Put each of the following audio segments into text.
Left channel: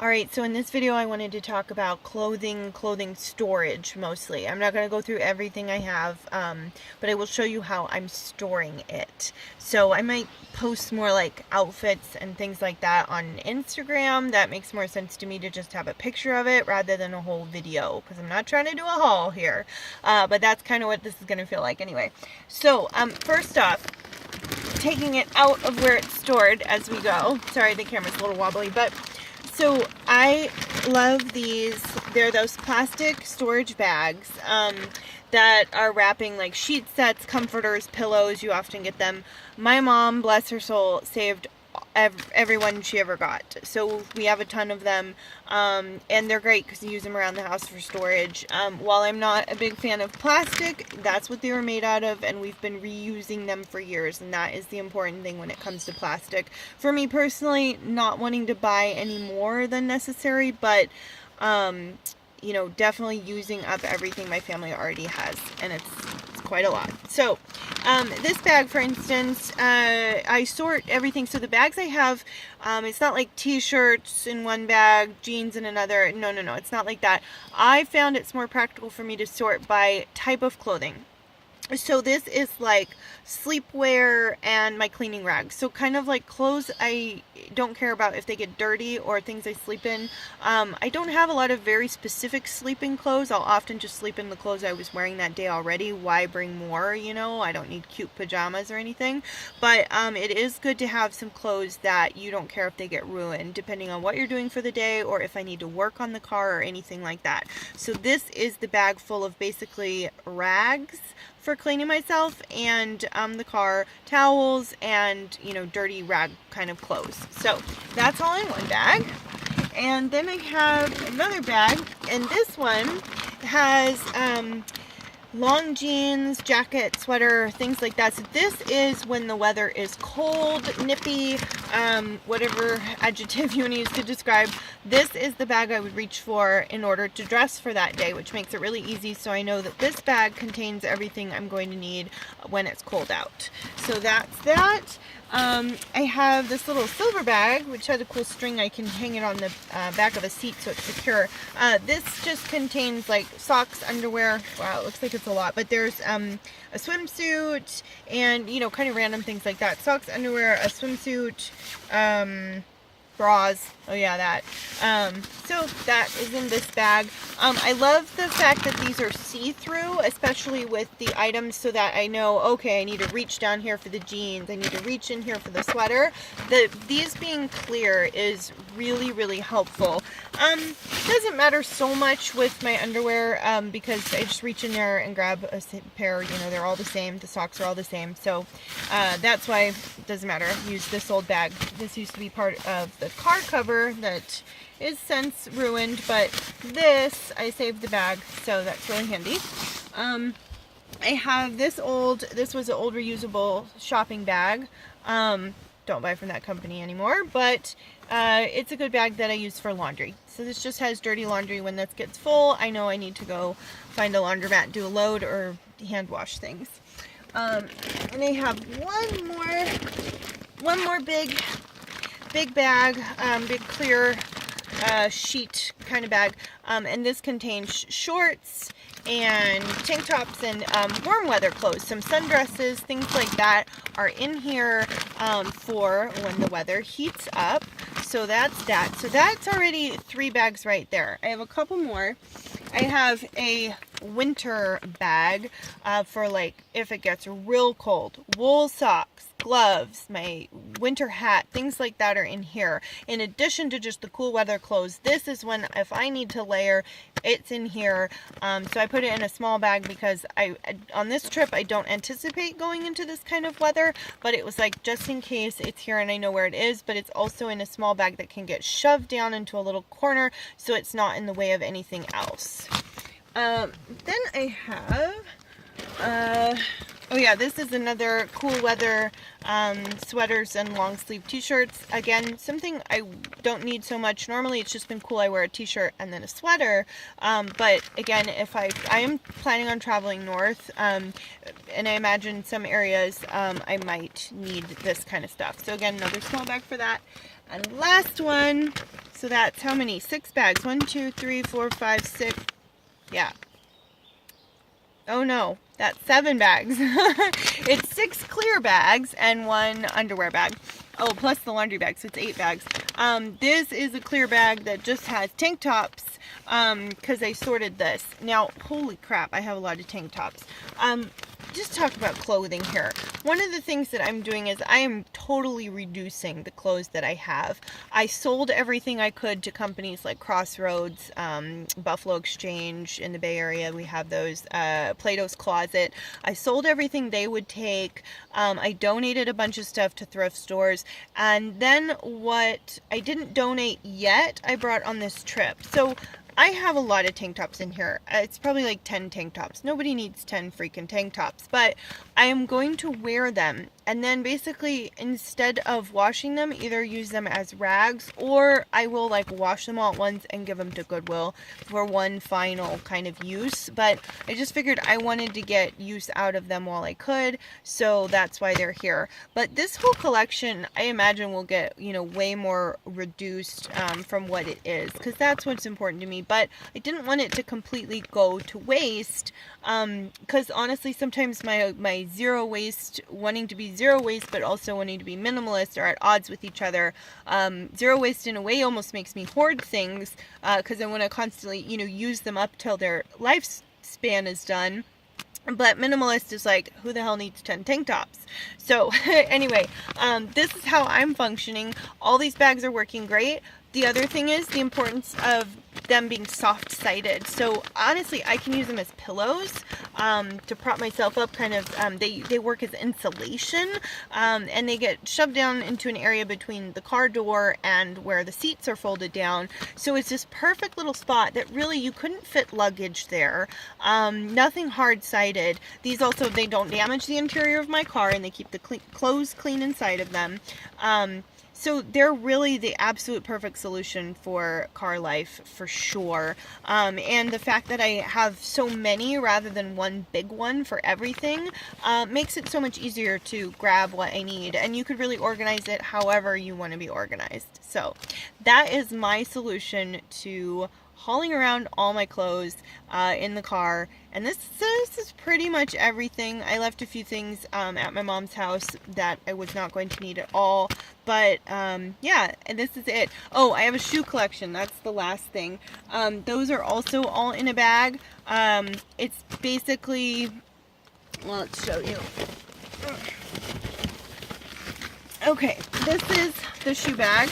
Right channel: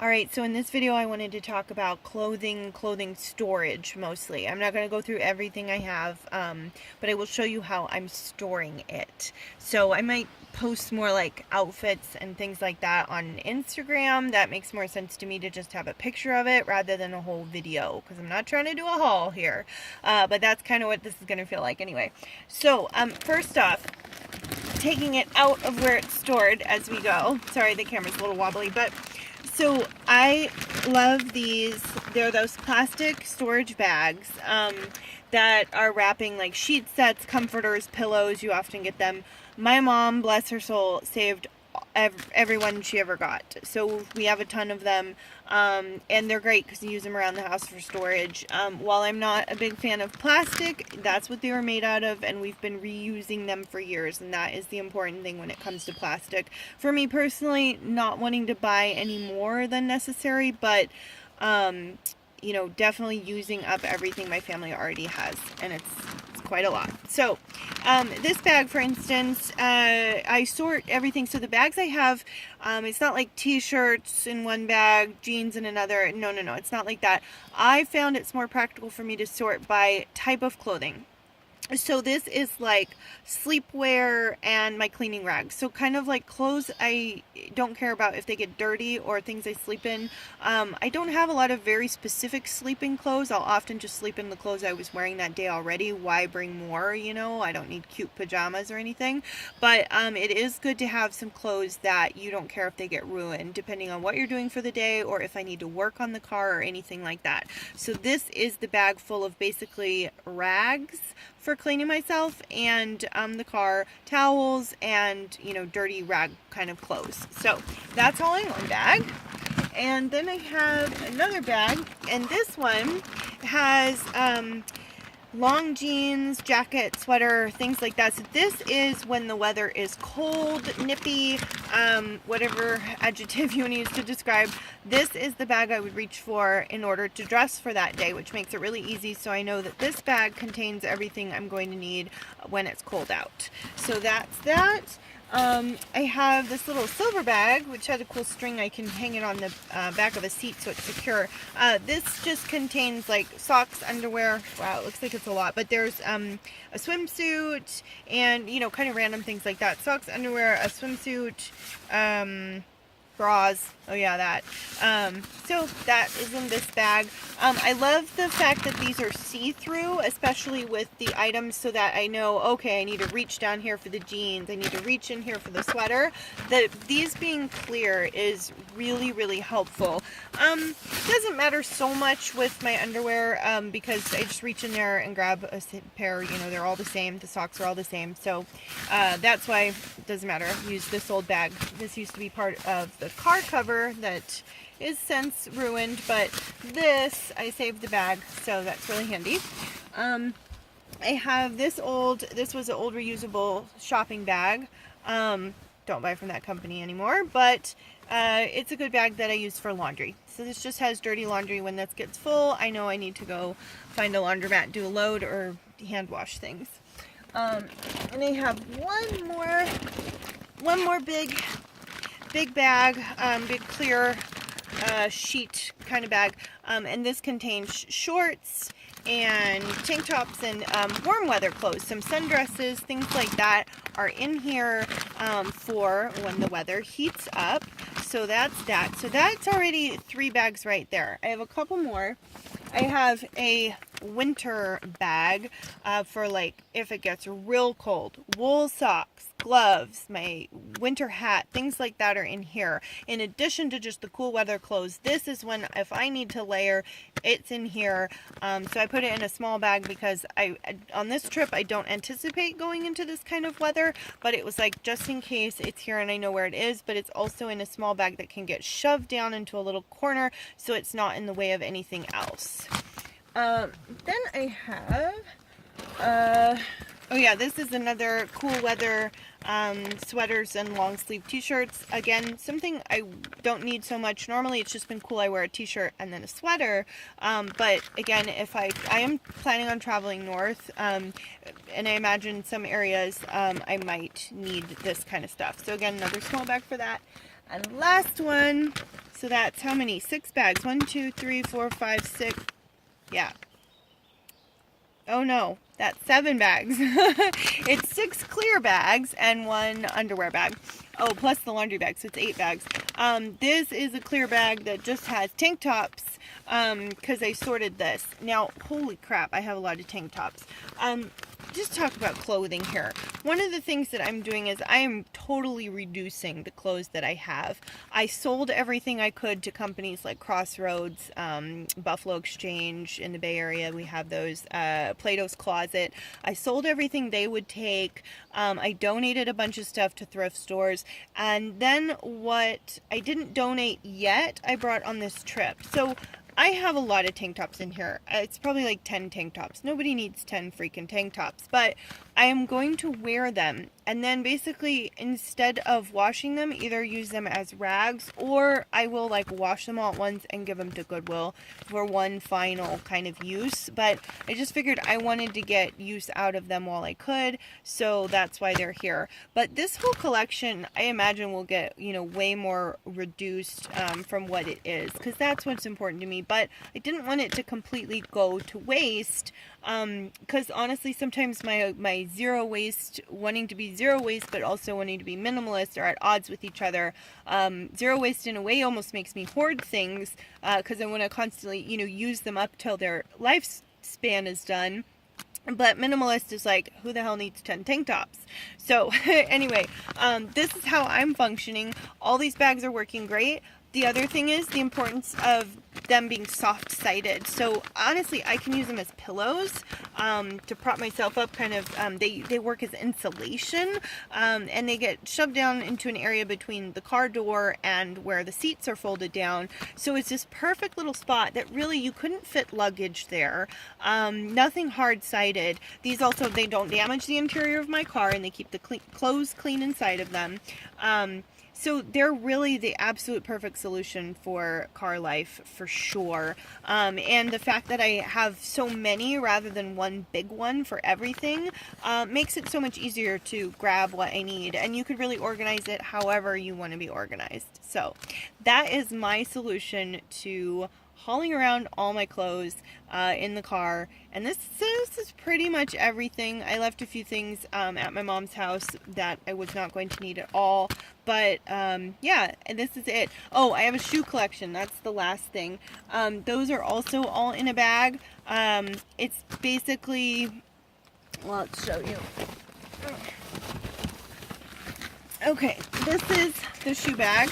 Alright, so in this video I wanted to talk about clothing storage mostly. I'm not going to go through everything I have, but I will show you how I'm storing it. So I might post more like outfits and things like that on Instagram. That makes more sense to me to just have a picture of it rather than a whole video, because I'm not trying to do a haul here. But that's kind of what this is going to feel like anyway. So first off, taking it out of where it's stored as we go. Sorry, the camera's a little wobbly, but so I love these. They're those plastic storage bags that are wrapping like sheet sets, comforters, pillows. You often get them. My mom, bless her soul, saved everyone she ever got. So we have a ton of them, and they're great because you use them around the house for storage. While I'm not a big fan of plastic, that's what they were made out of, and we've been reusing them for years, and that is the important thing when it comes to plastic. For me personally, not wanting to buy any more than necessary, but you know, definitely using up everything my family already has, and it's quite a lot. So this bag, for instance, I sort everything. So the bags I have, it's not like t-shirts in one bag, jeans in another. No, it's not like that. I found it's more practical for me to sort by type of clothing. So this is like sleepwear and my cleaning rags. So kind of like clothes I don't care about if they get dirty, or things I sleep in. I don't have a lot of very specific sleeping clothes. I'll often just sleep in the clothes I was wearing that day already. Why bring more, you know? I don't need cute pajamas or anything. But it is good to have some clothes that you don't care if they get ruined, depending on what you're doing for the day, or if I need to work on the car or anything like that. So this is the bag full of basically rags for cleaning myself, and the car, towels, and, you know, dirty rag kind of clothes. So that's all in one bag. And then I have another bag, and this one has long jeans, jacket, sweater, things like that. So this is when the weather is cold, nippy, whatever adjective you use to describe. This is the bag I would reach for in order to dress for that day, which makes it really easy. So I know that this bag contains everything I'm going to need when it's cold out. So that's that. I have this little silver bag, which has a cool string. I can hang it on the back of a seat so it's secure. This just contains like socks, underwear. Wow, it looks like it's a lot, but there's a swimsuit and, you know, kind of random things like that. Socks, underwear, a swimsuit, bras. Oh yeah, that. So that is in this bag. I love the fact that these are see-through, especially with the items, so that I know, okay, I need to reach down here for the jeans, I need to reach in here for the sweater. These being clear is really, really helpful. Doesn't matter so much with my underwear, because I just reach in there and grab a pair, you know, they're all the same, the socks are all the same, so that's why it doesn't matter. I use this old bag. This used to be part of the car cover that is since ruined, but this, I saved the bag, so that's really handy. I have this was an old reusable shopping bag. Don't buy from that company anymore, but it's a good bag that I use for laundry. So this just has dirty laundry. When this gets full, I know I need to go find a laundromat, do a load, or hand wash things. And I have one more big bag, big clear sheet kind of bag, and this contains shorts and tank tops and warm weather clothes. Some sundresses, things like that are in here for when the weather heats up. So that's that. So that's already 3 bags right there. I have a couple more. I have a winter bag for like if it gets real cold. Wool socks, gloves, my winter hat, things like that are in here. In addition to just the cool weather clothes, this is when if I need to layer, it's in here. So I put it in a small bag because on this trip I don't anticipate going into this kind of weather, but it was like just in case it's here and I know where it is. But it's also in a small bag that can get shoved down into a little corner so it's not in the way of anything else. Then I have oh yeah, this is another cool weather sweaters and long sleeve t-shirts. Again, something I don't need so much. Normally it's just been cool. I wear a t-shirt and then a sweater. But again, if I am planning on traveling north, and I imagine some areas I might need this kind of stuff. So again, another small bag for that. And last one, so that's how many? 6 bags. 1, 2, 3, 4, 5, 6. Yeah. Oh no, that's 7 bags. It's 6 clear bags and 1 underwear bag. Oh, plus the laundry bag, so it's 8 bags. This is a clear bag that just has tank tops, because I sorted this. Now, holy crap, I have a lot of tank tops. Just talk about clothing here. One of the things that I'm doing is I am totally reducing the clothes that I have. I sold everything I could to companies like Crossroads, Buffalo Exchange in the Bay Area. We have those, Plato's Closet. I sold everything they would take. I donated a bunch of stuff to thrift stores. And then what I didn't donate yet, I brought on this trip. So I have a lot of tank tops in here. It's probably like 10 tank tops. Nobody needs 10 freaking tank tops, but I am going to wear them. And then basically, instead of washing them, either use them as rags, or I will like wash them all at once and give them to Goodwill for one final kind of use. But I just figured I wanted to get use out of them while I could, so that's why they're here. But this whole collection, I imagine, will get, you know, way more reduced from what it is, because that's what's important to me. But I didn't want it to completely go to waste, because honestly, sometimes my zero waste, wanting to be zero waste but also wanting to be minimalist, are at odds with each other. Zero waste in a way almost makes me hoard things, because I want to constantly, you know, use them up till their lifespan is done. But minimalist is like, who the hell needs 10 tank tops? So anyway, this is how I'm functioning. All these bags are working great. The other thing is the importance of them being soft-sided. So honestly, I can use them as pillows to prop myself up, kind of. They work as insulation, and they get shoved down into an area between the car door and where the seats are folded down. So it's this perfect little spot that really you couldn't fit luggage there. Nothing hard-sided. These also, they don't damage the interior of my car, and they keep the clothes clean inside of them. So they're really the absolute perfect solution for car life, for sure. And the fact that I have so many rather than one big one for everything makes it so much easier to grab what I need. And you could really organize it however you want to be organized. So that is my solution to hauling around all my clothes in the car. And this is pretty much everything. I left a few things at my mom's house that I was not going to need at all. But yeah, and this is it. Oh, I have a shoe collection. That's the last thing. Those are also all in a bag. It's basically, well, let's show you. Okay, this is the shoe bag.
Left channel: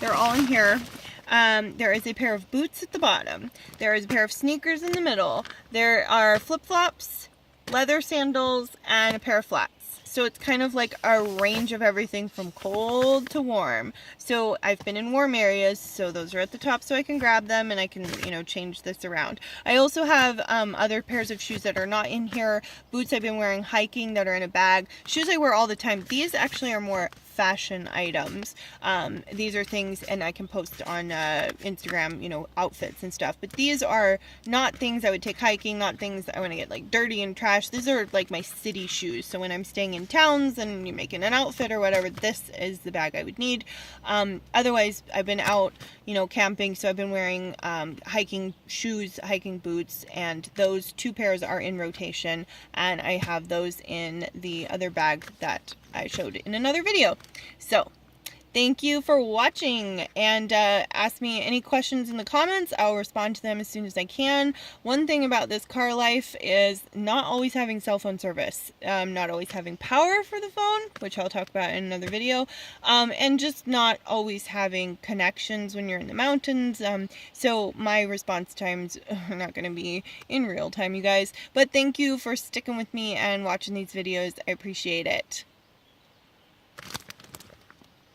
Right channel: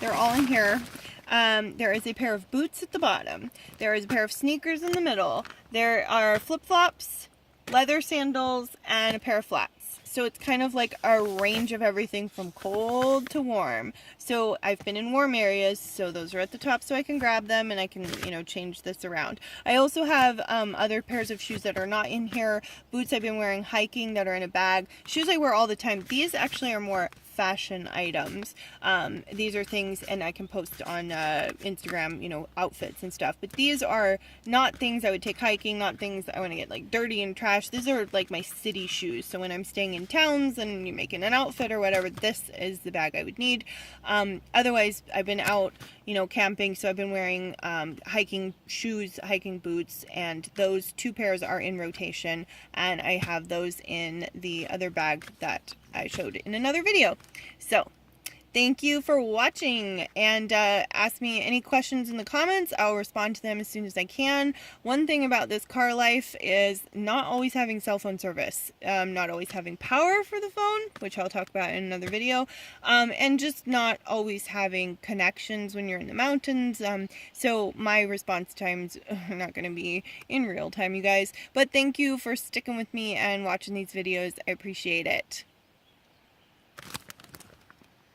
They're all in here. There is a pair of boots at the bottom. There is a pair of sneakers in the middle. There are flip-flops, leather sandals, and a pair of flats. So it's kind of like a range of everything from cold to warm. So I've been in warm areas, so those are at the top so I can grab them and I can, you know, change this around. I also have other pairs of shoes that are not in here. Boots I've been wearing hiking that are in a bag. Shoes I wear all the time. These actually are more fashion items. These are things, and I can post on Instagram, you know, outfits and stuff, but these are not things I would take hiking, not things that I want to get like dirty and trash. These are like my city shoes, so when I'm staying in towns and you're making an outfit or whatever, this is the bag I would need. Otherwise, I've been out, you know, camping, so I've been wearing hiking shoes, hiking boots, and those 2 pairs are in rotation, and I have those in the other bag that I showed in another video. So thank you for watching, and ask me any questions in the comments. I'll respond to them as soon as I can. One thing about this car life is not always having cell phone service, not always having power for the phone, which I'll talk about in another video, and just not always having connections when you're in the mountains. So my response times are not going to be in real time, you guys. But thank you for sticking with me and watching these videos. I appreciate it.